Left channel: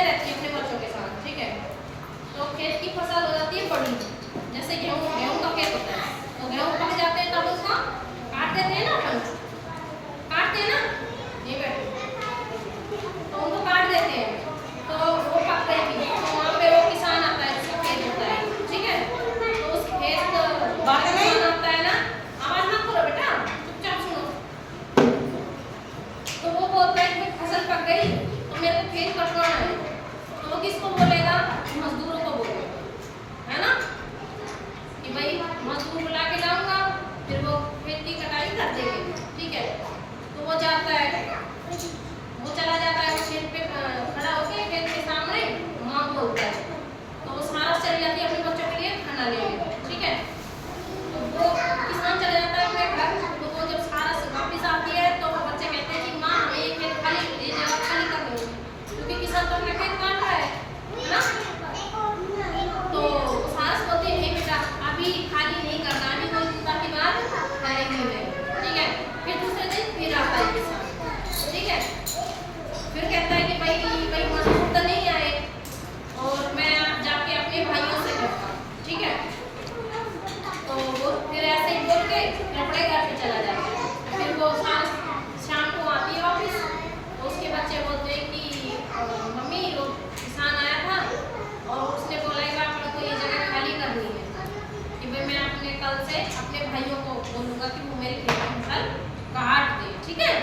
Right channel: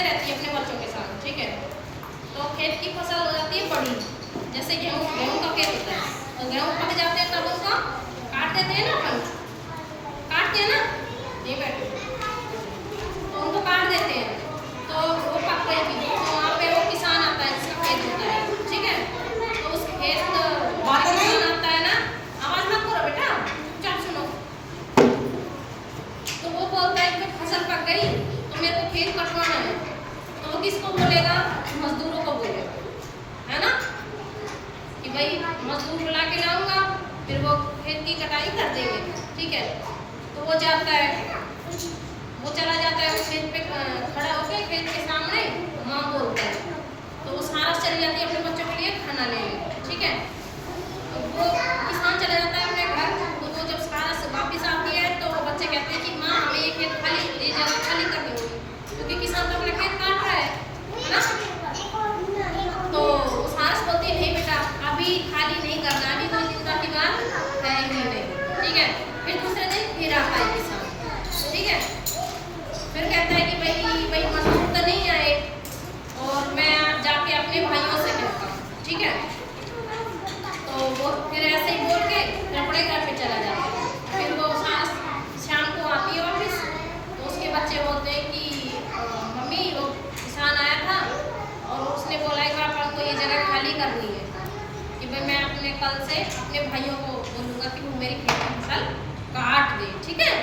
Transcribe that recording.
मजे रहती है अपने बच्चों के साथ, ठीक है। तो खेत की फसल हो जाती है बड़ी, जैसे गेहूँ का खेत होता है, तो गेहूँ पक जाते हैं तब उसको काट देते हैं ना, अपन काटते हैं ना, नहीं बैठे, तो उनको काट देते हैं, तो वो पक गई थी, तो वहाँ पे वो किसान आता है, जिसका खेत होता है, ठीक है। तो उस खेत बात किसान आता है ना, आवाज मत करो बेटा, चुपचाप सुनो। तो वो बोलता है कि फसल पक गई तो मेरे को खेत कटवाना है, तो वो किसको बोलेगा? मजदूरों को बोलेगा, है ना, कि भाई मजदूर बुला के लाऊंगा, फिर वो खेत की कटाई कर देंगे, ठीक है। तो वो जाता है, वो चला जाता है उस खेत पे खड़ा होकर खेत के सामने, माँ बोलता है, तो वो सारा चली जाती है अपने बच्चों के लिए खाना लेने, ठीक है। तो वो किसान चला जाता है अपने घर, तो वो जब सारा से वापिस आती है तो वो बच्चे कहते हैं कि माँ हमें ये खेत खाली, ये जगह खाली करनी होगी, क्योंकि किसान तो अपना खेत काट रहा है ना। तो सास बोलती है नहीं बेटा अभी खाली नहीं करना, अभी कोई चिंता की बात है ही नहीं, ठीक है। फिर दूसरे दिन फिर आता है किसान, ठीक है। फिर कहता है कि भाई मजदूर तो नहीं आए, और मैं जाके अपने भाइयों से कहता हूँ, ठीक है। तो वो फिर ऐसे ही बोल के अपने घर पे चला जाता है। फिर वो सास शाम को आती है वापस, तो उसके बच्चे बोलते हैं कि मम्मी वो किसान आया था और उसने बोला कि आपको ये जगह खाली करनी है, कि भाई मैं अपने कल से अपने भाइयों को बोलूँगा कि वो मेरी खेती की फसल काट दे, ठीक है।